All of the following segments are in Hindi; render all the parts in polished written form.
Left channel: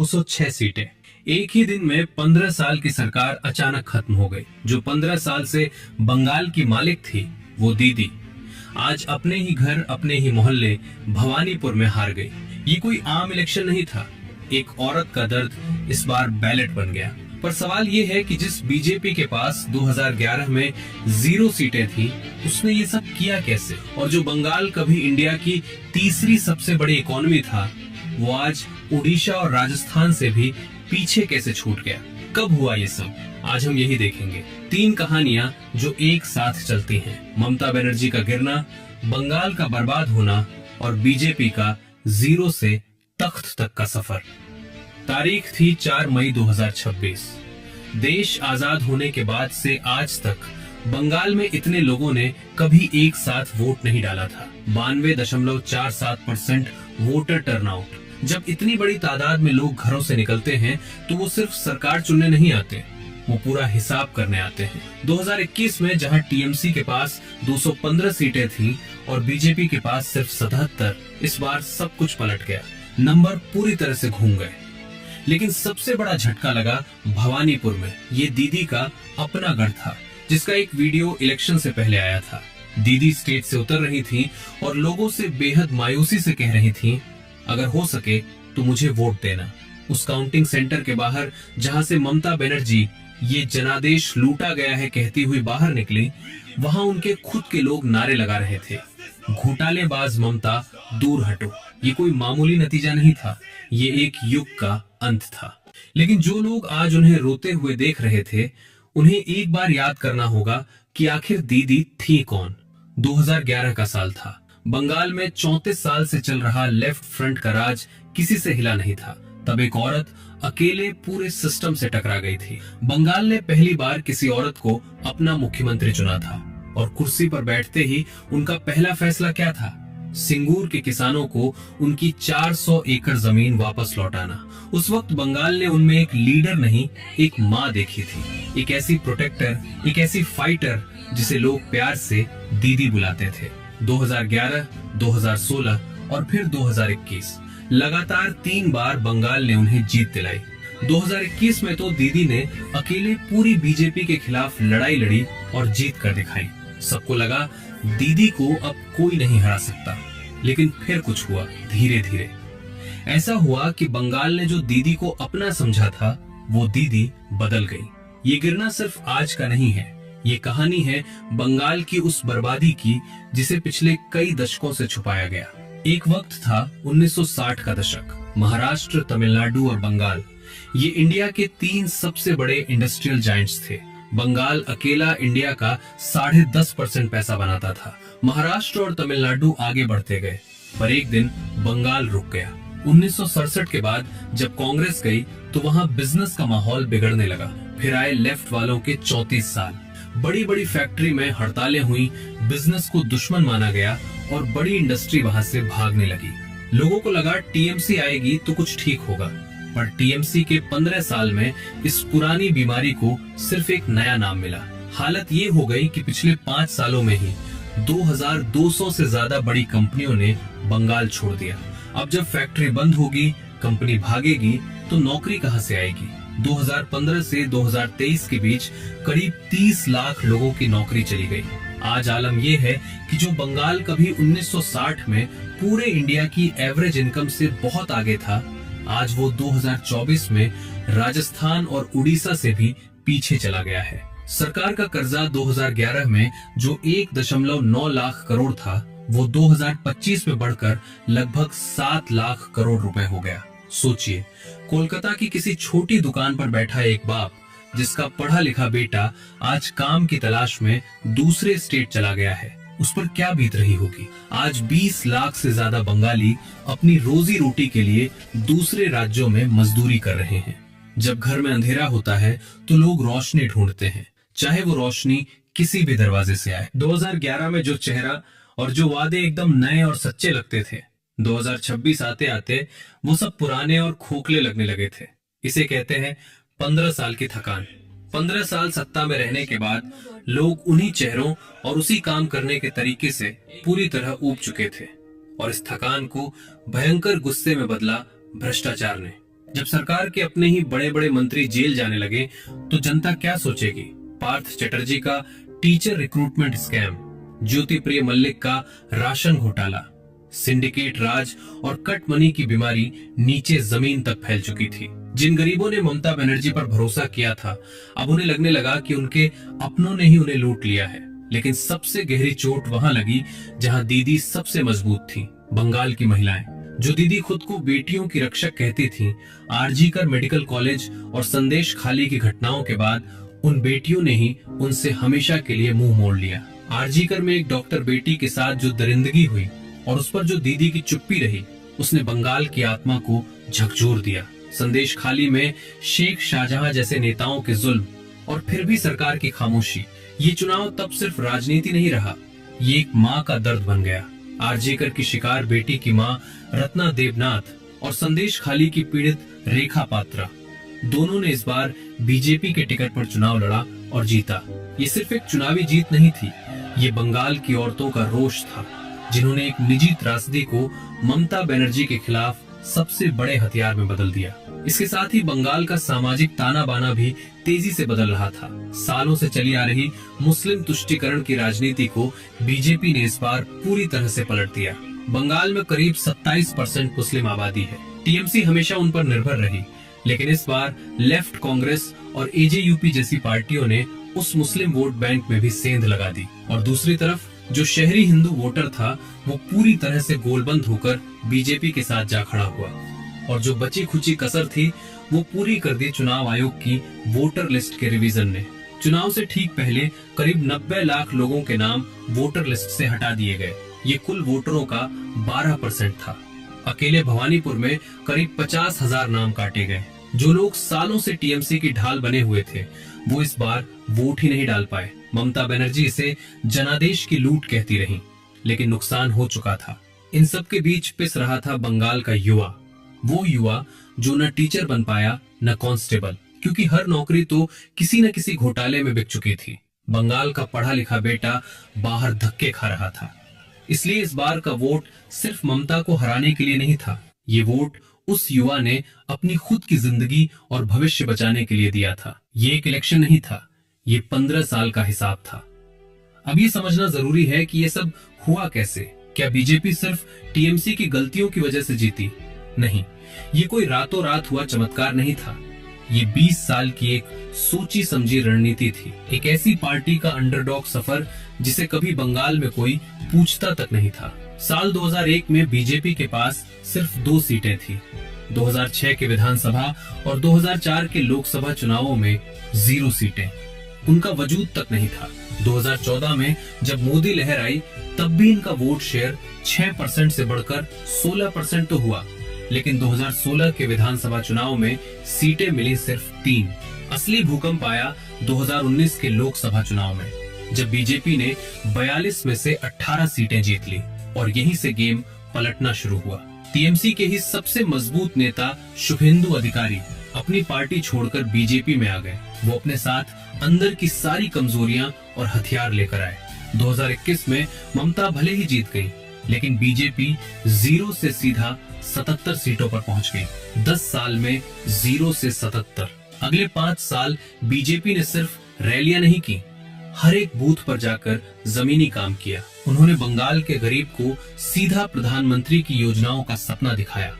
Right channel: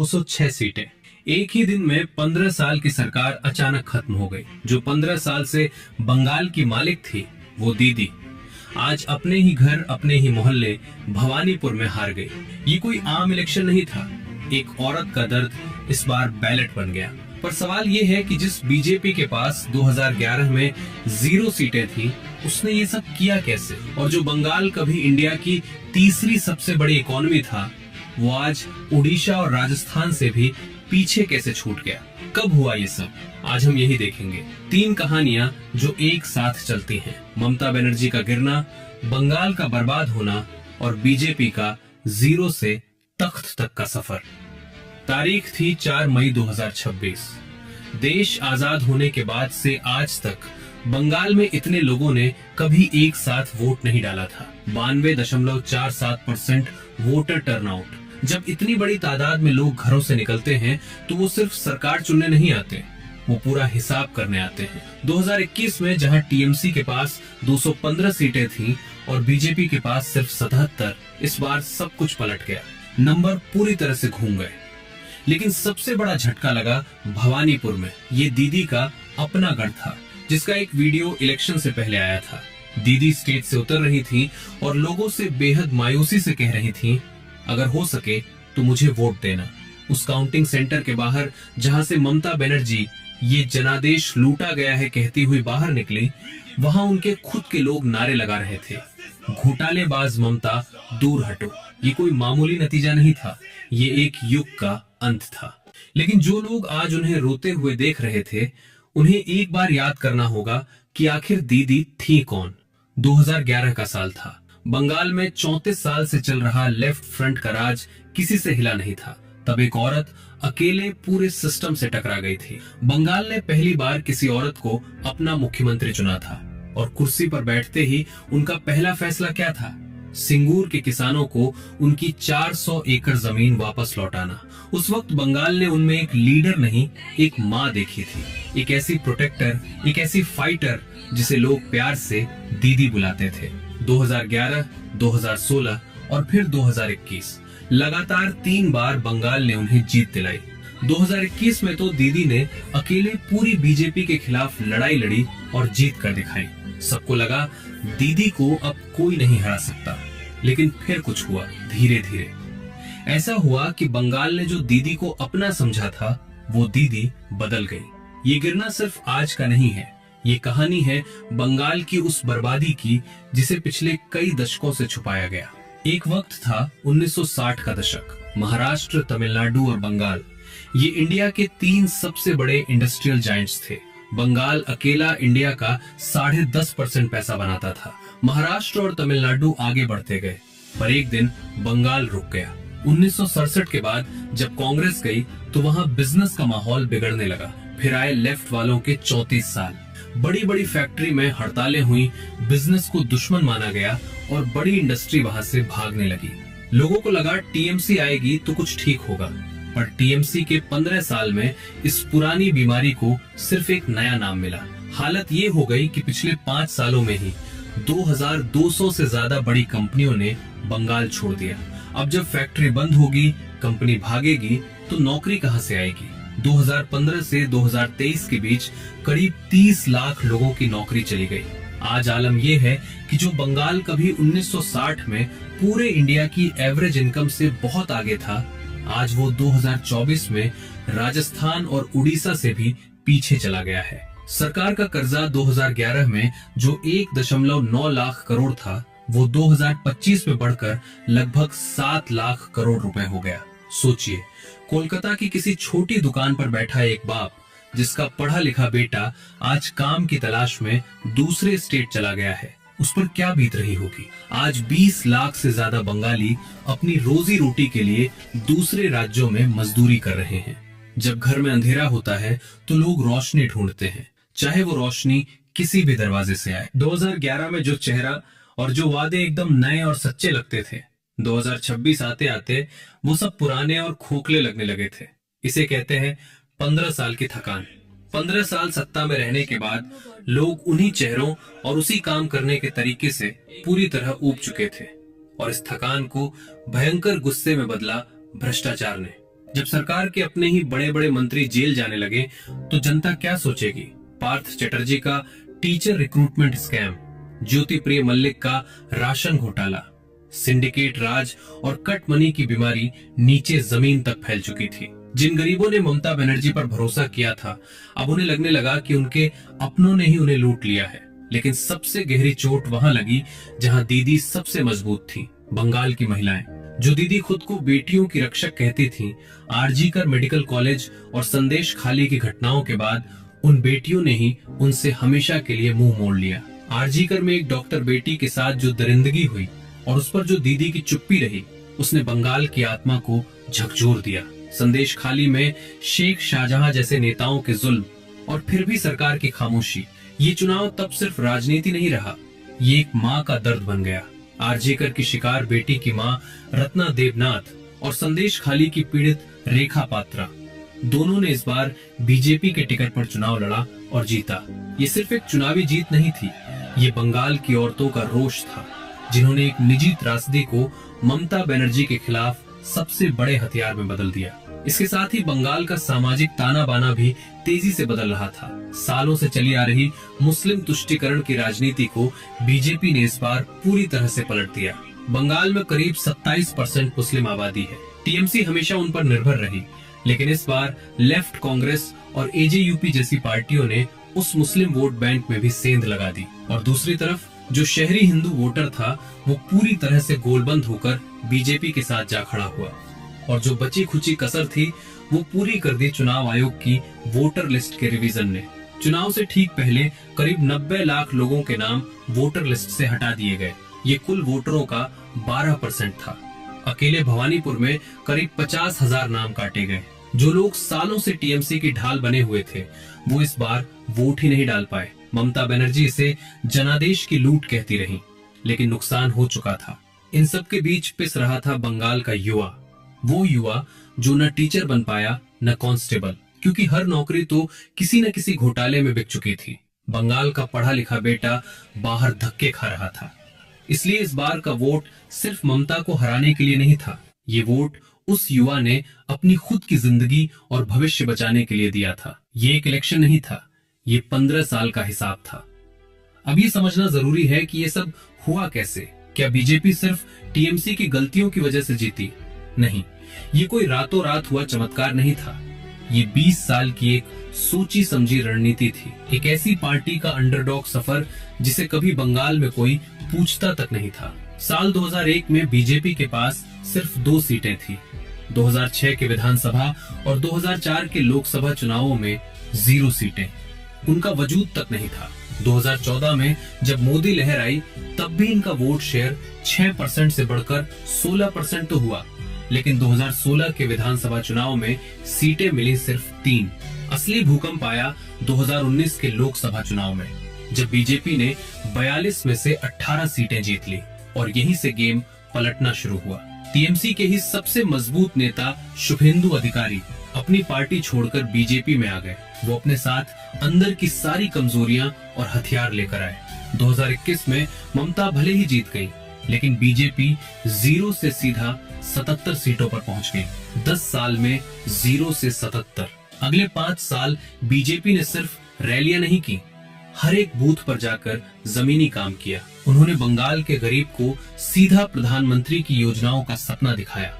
206 सीटें। एक ही दिन में 15 साल की सरकार अचानक खत्म हो गई। जो 15 साल से बंगाल की मालिक थी, वो दीदी आज अपने ही घर, अपने ही मोहल्ले भवानीपुर में हार गई। ये कोई आम इलेक्शन नहीं था। एक औरत का दर्द इस बार बैलेट बन गया। पर सवाल ये है कि जिस बीजेपी के पास 2011 में 0 सीटें थी, उसने ये सब किया कैसे? और जो बंगाल कभी इंडिया की तीसरी सबसे बड़ी इकोनॉमी था, वो आज उड़ीसा और राजस्थान से भी पीछे कैसे छूट गया? कब हुआ ये सब? आज हम यही देखेंगे। 3 कहानियां जो एक साथ चलती हैं। ममता बनर्जी का गिरना, बंगाल का बर्बाद होना और बीजेपी का 0 से तख्त तक का सफर। तारीख थी 4 मई 2026। देश आजाद होने के बाद से आज तक बंगाल में इतने लोगों ने कभी एक साथ वोट नहीं डाला था। 92.47% वोटर टर्नआउट। जब इतनी बड़ी तादाद में लोग घरों से निकलते हैं तो वो सिर्फ सरकार चुनने नहीं आते, वो पूरा हिसाब करने आते हैं। 2021 में जहां टीएमसी के पास 215 सीटें थीं और बीजेपी के पास सिर्फ 77, इस बार सब कुछ पलट गया। नंबर पूरी तरह से घूम गए। लेकिन सबसे बड़ा झटका लगा भवानीपुर में। ये दीदी का अपना गढ़ था, जिसका एक वीडियो इलेक्शन से पहले आया था। दीदी स्टेज से उतर रही थी और लोगों से बेहद मायूसी से कह रही थी, अगर हो सके तो मुझे वोट देना। उस काउंटिंग सेंटर के बाहर जहां से ममता बनर्जी ये जनादेश लूटा गया है कहती हुई बाहर निकली, वहां उनके खुद के लोग नारे लगा रहे थे, घोटालेबाज ममता दूर हटो। ये कोई मामूली नतीजा नहीं था, ये एक युग का अंत था। लेकिन जो लोग आज उन्हें रोते हुए देख रहे थे, उन्हें एक बार याद करना होगा कि आखिर दीदी थी कौन। 2011 का साल था। बंगाल में 34 साल से चल रहा लेफ्ट फ्रंट का राज किसी से हिला नहीं था। तब एक औरत अकेले पूरे सिस्टम से टकरा गई थी। बंगाल ने पहली बार किसी औरत को अपना मुख्यमंत्री चुना था और कुर्सी पर बैठते ही उनका पहला फैसला क्या था? सिंगूर के किसानों को उनकी 400 एकड़ जमीन वापस लौटाना। उस वक्त बंगाल ने उनमें एक लीडर नहीं, एक माँ देखी थी। एक ऐसी प्रोटेक्टर, एक ऐसी फाइटर जिसे लोग प्यार से दीदी बुलाते थे। 2011, 2016 और फिर 2021 लगातार 3 बार बंगाल ने उन्हें जीत दिलाई। 2021 में तो दीदी ने अकेले पूरी बीजेपी के खिलाफ लड़ाई लड़ी और जीत कर दिखाई। सबको लगा दीदी को अब कोई नहीं हरा सकता। लेकिन फिर कुछ हुआ, धीरे धीरे ऐसा हुआ कि बंगाल ने जो दीदी को अपना समझा था, वो दीदी बदल गई। ये गिरना सिर्फ आज का नहीं है, ये कहानी है बंगाल की उस बर्बादी की जिसे पिछले कई दशकों से छुपाया गया। एक वक्त था 1960 का दशक। महाराष्ट्र, तमिलनाडु और बंगाल, ये इंडिया के 3 सबसे बड़े इंडस्ट्रियल जायंट्स थे। बंगाल अकेला इंडिया का 10.5% पैसा बनाता था। महाराष्ट्र और तमिलनाडु आगे बढ़ते गए, पर एक दिन बंगाल रुक गया। 1967 के बाद जब कांग्रेस गई तो वहां बिजनेस का माहौल बिगड़ने लगा। फिर आए लेफ्ट वालों के 34 साल। बड़ी बड़ी फैक्ट्री में हड़तालें हुई, बिजनेस को दुश्मन माना गया और बड़ी इंडस्ट्री वहां से भागने लगी। लोगों को लगा टीएमसी आएगी तो कुछ ठीक होगा, पर टीएमसी के 15 साल में इस पुरानी बीमारी को सिर्फ एक नया नाम मिला। हालत ये हो गई कि पिछले 5 सालों में ही 2200 से ज्यादा बड़ी कंपनियों ने बंगाल छोड़ दिया। अब जब फैक्ट्री बंद होगी, कंपनी भागेगी, तो नौकरी कहां से आएगी? 2015 से 2023 के बीच करीब 30 लाख लोगों की नौकरी चली गई। आज आलम यह है कि जो बंगाल कभी 1960 में पूरे इंडिया की एवरेज इनकम से बहुत आगे था, आज वो 2024 में राजस्थान और उड़ीसा से भी पीछे चला गया है। सरकार का कर्जा 2011 में जो 1.9 लाख करोड़ था, वो 2025 में बढ़कर लगभग 7 लाख करोड़ रुपए हो गया। सोचिए, कोलकाता की किसी छोटी दुकान पर बैठा एक बाप, जिसका पढ़ा लिखा बेटा आज काम की तलाश में दूसरे स्टेट चला गया है, उस पर क्या बीत रही होगी। आज 20 लाख से ज्यादा बंगाली अपनी रोजी रोटी के लिए दूसरे राज्यों में मजदूरी कर रहे हैं। जब घर में अंधेरा होता है तो लोग रोशनी ढूंढते हैं, चाहे वो रोशनी किसी भी दरवाजे से आए। 2011 में जो चेहरा और जो वादे एकदम नए और सच्चे लगते थे, 2026 आते आते वो सब पुराने और खोखले लगने लगे थे। इसे कहते हैं 15 साल की थकान। 15 साल सत्ता में रहने के बाद लोग उन्हीं चेहरों और उसी काम करने के तरीके से पूरी तरह ऊब चुके थे और इस थकान को भयंकर गुस्से में बदला भ्रष्टाचार ने। जब सरकार के अपने ही बड़े बड़े मंत्री जेल जाने लगे तो जनता क्या सोचेगी? पार्थ चटर्जी का टीचर रिक्रूटमेंट स्कैम, ज्योति प्रिय मल्लिक का राशन घोटाला, सिंडिकेट राज और कट मनी की बीमारी नीचे जमीन तक फैल चुकी थी। जिन गरीबों ने ममता बनर्जी पर भरोसा किया था, अब उन्हें लगने लगा कि उनके अपनों ने ही उन्हें लूट लिया है। लेकिन सबसे गहरी चोट वहां लगी जहां दीदी सबसे मजबूत थी, बंगाल की महिलाएं। जो दीदी खुद को बेटियों की रक्षक कहती थीं, आरजीकर मेडिकल कॉलेज और संदेश खाली की घटनाओं के बाद उन बेटियों ने ही उनसे हमेशा के लिए मुंह मोड़ लिया। आरजीकर में एक डॉक्टर बेटी के साथ जो दरिंदगी हुई और उस पर जो दीदी की चुप्पी रही, उसने बंगाल की आत्मा को झकझोर दिया। संदेश खाली में शेख शाहजहां जैसे नेताओं के जुल्म और फिर भी सरकार की खामोशी। ये चुनाव तब सिर्फ राजनीति नहीं रहा, ये एक माँ का दर्द बन गया। आरजीकर की शिकार बेटी की माँ रत्ना देवनाथ और संदेश खाली की पीड़ित रेखा पात्रा, दोनों ने इस बार बीजेपी के टिकट पर चुनाव लड़ा और जीता। ये सिर्फ एक चुनावी जीत नहीं थी, ये बंगाल की औरतों का रोष था, जिन्होंने एक निजी त्रासदी को ममता बनर्जी के खिलाफ सबसे बड़े हथियार में बदल दिया। इसके साथ ही बंगाल का सामाजिक ताना बाना भी तेजी से बदल रहा था। सालों से चली आ रही मुस्लिम तुष्टीकरण की राजनीति को बीजेपी ने इस बार पूरी तरह से पलट दिया। बंगाल में करीब 27% मुस्लिम आबादी है। टीएमसी हमेशा उन पर निर्भर रही, लेकिन इस बार लेफ्ट कांग्रेस और एजेयूपी जैसी पार्टियों ने उस मुस्लिम वोट बैंक में भी सेंध लगा दी। और दूसरी तरफ जो शहरी हिंदू वोटर था, वो पूरी तरह से गोलबंद होकर बीजेपी के साथ जा खड़ा हुआ। और जो बची खुची कसर थी, वो पूरी कर दी चुनाव आयोग की वोटर लिस्ट के रिवीजन ने। चुनाव से ठीक पहले करीब 90 लाख लोगों के नाम वोटर लिस्ट से हटा दिए गए। ये कुल वोटरों का 12% था। अकेले भवानीपुर में करीब 50,000 नाम काटे गए। जो लोग सालों से टीएमसी की ढाल बने हुए थे, वो इस बार वोट ही नहीं डाल पाए। ममता बनर्जी इसे जनादेश की लूट कहती रही, लेकिन नुकसान हो चुका था। इन सब के बीच पिस रहा था बंगाल का युवा, वो युवा जो न टीचर बन पाया न कांस्टेबल, क्योंकि हर नौकरी तो किसी न किसी घोटाले में बिक चुकी थी। बंगाल का पढ़ा लिखा बेटा बाहर धक्के खा रहा था। इसलिए इस बार का वोट सिर्फ ममता को हराने के लिए नहीं था, ये वोट उस युवा ने अपनी खुद की जिंदगी और भविष्य बचाने के लिए दिया था। ये एक इलेक्शन नहीं था, ये 15 साल का हिसाब था। अब ये समझना जरूरी है कि ये सब हुआ कैसे। क्या बीजेपी सिर्फ टीएमसी की गलतियों की वजह से जीती? नहीं, ये कोई रातों रात हुआ चमत्कार नहीं था। ये 20 साल की एक सोची समझी रणनीति थी। एक ऐसी पार्टी का अंडरडॉग सफर जिसे कभी बंगाल में कोई पूछता तक नहीं था। साल 2001 में बीजेपी के पास सिर्फ 2 सीटें थी। 2006 के विधानसभा और 2004 के लोकसभा चुनावों में 0 सीटें। उनका वजूद तक नहीं था। 2014 में जब मोदी लहर आई, तब भी इनका वोट शेयर 6% से बढ़कर 16% तो हुआ, लेकिन 2016 के विधानसभा चुनाव में सीटें मिली सिर्फ 3। असली भूकंप आया 2019 के लोकसभा चुनाव में, जब बीजेपी ने 42 में से 18 सीटें जीत ली और यहीं से गेम पलटना शुरू हुआ। टीएमसी के ही सबसे मजबूत नेता शुभेंदु अधिकारी अपनी पार्टी छोड़कर बीजेपी में आ गए। वो अपने साथ अंदर की सारी कमजोरियां और हथियार लेकर आए। 2021 में ममता भले ही जीत गई, लेकिन बीजेपी 0 से सीधा 77 सीटों पर पहुंच गई। 10 साल में 0 से 77। अगले 5 साल बीजेपी ने सिर्फ रैलियां नहीं की, हर एक बूथ पर जाकर जमीनी काम किया। उन्होंने बंगाल के गरीब को सीधा प्रधानमंत्री की योजनाओं का सपना दिखाया।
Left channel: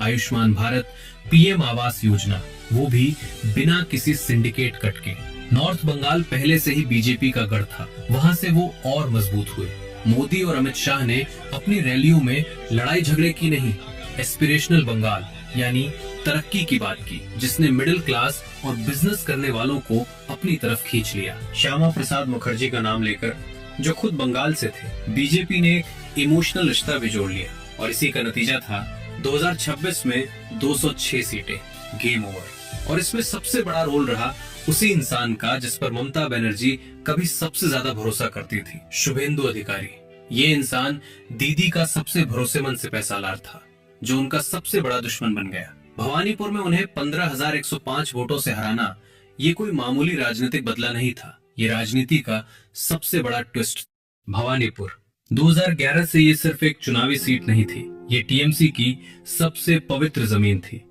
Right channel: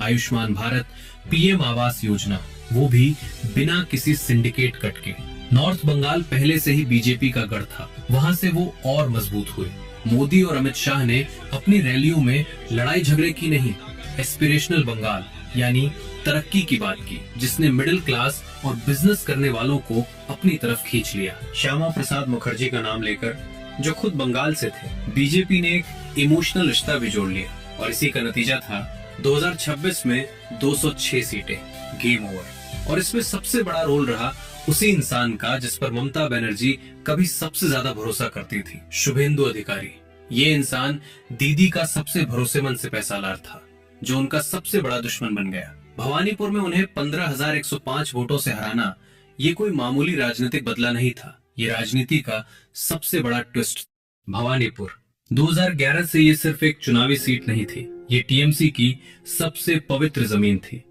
आयुष्मान भारत, पीएम आवास योजना, वो भी बिना किसी सिंडिकेट कट के। नॉर्थ बंगाल पहले से ही बीजेपी का गढ़ था, वहां से वो और मजबूत हुए। मोदी और अमित शाह ने अपनी रैलियों में लड़ाई झगड़े की नहीं, एस्पिरेशनल बंगाल यानी तरक्की की बात की, जिसने मिडिल क्लास और बिजनेस करने वालों को अपनी तरफ खींच लिया। श्यामा प्रसाद मुखर्जी का नाम लेकर, जो खुद बंगाल से थे, बीजेपी ने एक इमोशनल रिश्ता भी जोड़ लिया और इसी का नतीजा था 2026 में 206 सीटें, गेम ओवर। और इसमें सबसे बड़ा रोल रहा उसी इंसान का जिस पर ममता बनर्जी कभी सबसे ज्यादा भरोसा करती थी, शुभेंदु अधिकारी। ये इंसान दीदी का सबसे भरोसेमंद सिपहसालार था, जो उनका सबसे बड़ा दुश्मन बन गया। भवानीपुर में उन्हें 15,105 वोटों से हराना ये कोई मामूली राजनीतिक बदला नहीं था, ये राजनीति का सबसे बड़ा ट्विस्ट। भवानीपुर 2011 से ये सिर्फ एक चुनावी सीट नहीं थी, ये टीएमसी की सबसे पवित्र जमीन थी।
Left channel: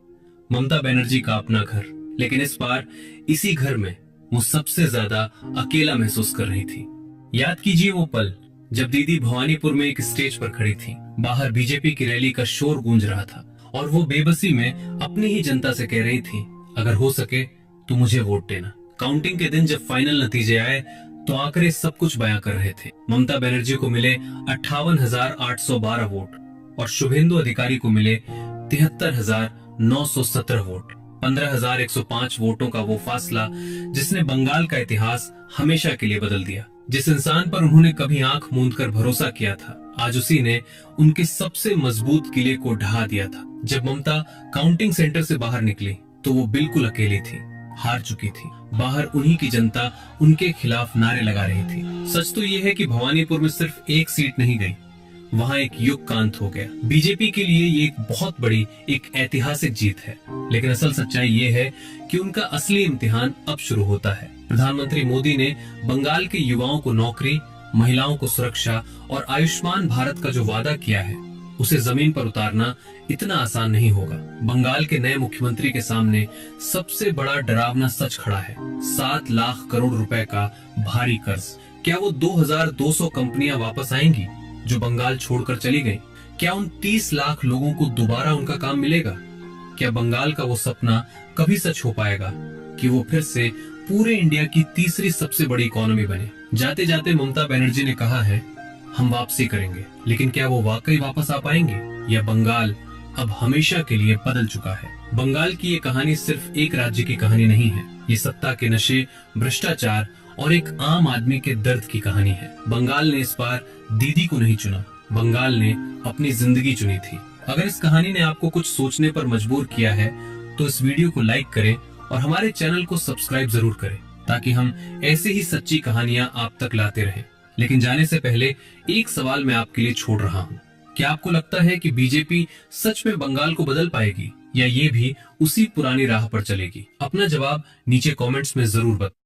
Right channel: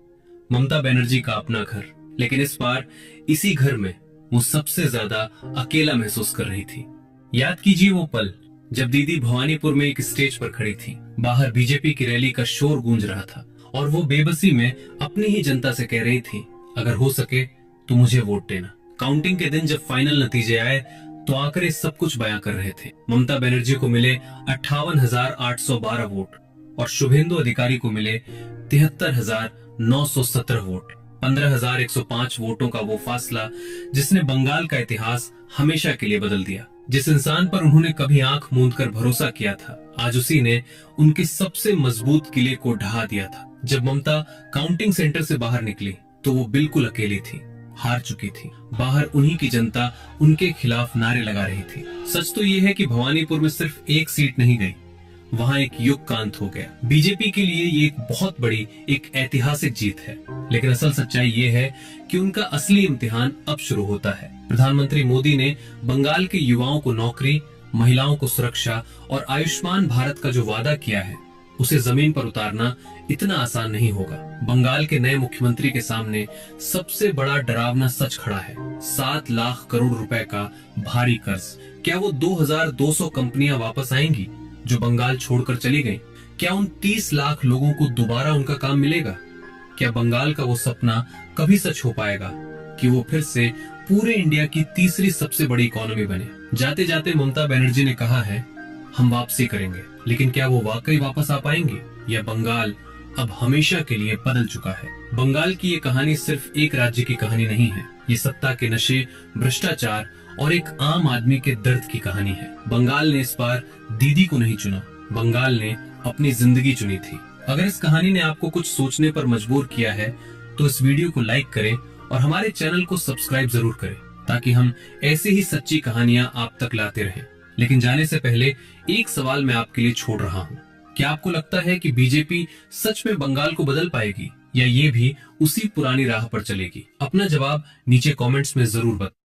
ममता बनर्जी का अपना घर, लेकिन इस बार इसी घर में वो सबसे ज्यादा अकेला महसूस कर रही थी। याद कीजिए वो पल जब दीदी भवानीपुर में एक स्टेज पर खड़ी थी, बाहर बीजेपी की रैली का शोर गूंज रहा था और वो बेबसी में अपनी ही जनता से कह रही थी, अगर हो सके तो मुझे वोट देना। काउंटिंग के दिन जब फाइनल नतीजे आए तो आंकड़े सब कुछ बयां कर रहे थे। ममता बनर्जी को मिले 58,812 वोट और शुभेंदु अधिकारी को मिले 73,917 वोट। 15,105 वोटों का वो फासला जिसने बंगाल का इतिहास हमेशा के लिए बदल दिया। जिस इंसान पर उन्होंने कभी आंख मूंद कर भरोसा किया था, आज उसी ने उनके सबसे मजबूत किले को ढहा दिया था। जब ममता काउंटिंग सेंटर से बाहर निकली तो वो बिल्कुल अकेली थी, हार चुकी थी। बाहर उन्हीं की जनता उनके खिलाफ नारे लगा रही थी। सच तो ये है कि भवानीपुर में सिर्फ एक सीट नहीं गई, वहां एक युग का अंत हो गया। बीजेपी के लिए ये एक बहुत बड़ी, एक ऐतिहासिक जीत है, लेकिन असल सच्चाई ये है कि उनका असली इम्तिहान अब शुरू होता है। प्रधानमंत्री मोदी ने बंगाल के युवाओं को नौकरी, महिलाओं को सुरक्षा और आयुष्मान भारत का जो वादा किया है, उसे जमीन पर उतारना इतना आसान नहीं होगा। बंगाल के नए मुख्यमंत्री के सामने सबसे बड़ा डरावना सच खड़ा है, 7 लाख करोड़ रुपए का भारी कर्ज। क्या वो 2,200 कंपनियां वापस आएंगी जो बंगाल छोड़कर चली गईं? क्या उन 30 लाख लोगों को दोबारा उनका काम मिलेगा? क्या बंगाल का वो सपना कभी सच हो पाएगा कि वो फिर से पूरे इंडिया की तीसरी सबसे बड़ी इकोनॉमी बने? जाते जाते ममता बनर्जी ने कहा है, हम वापसी करेंगे, लेकिन क्या वो वाकई वापस आ पाएंगे या बंगाल अब हमेशा के लिए बदल चुका है? बंगाल की ये कहानी सिर्फ एक राज्य की कहानी नहीं है, ये सत्ता के नशे, भ्रष्टाचार और एक आम आदमी के दर्द की कहानी है। बंगाल ने इस बार दीदी को नहीं चुना, बंगाल ने अपनी जिंदगी चुनी थी। अगर इस कहानी ने आपको कुछ सोचने पर मजबूर किया है तो इस वीडियो को लाइक करें और हमारे चैनल को सब्सक्राइब जरूर करें, ताकि हम ऐसे ही सच्ची कहानियां आप तक लाते रहें। लेकिन जाने से पहले एक सवाल मैं आपके लिए छोड़ रहा हूं। क्या आपको लगता है कि बीजेपी सच में बंगाल को बदल पाएगी या ये भी उसी पुरानी राह पर चलेगी? अपना जवाब नीचे कमेंट्स में जरूर बताएं।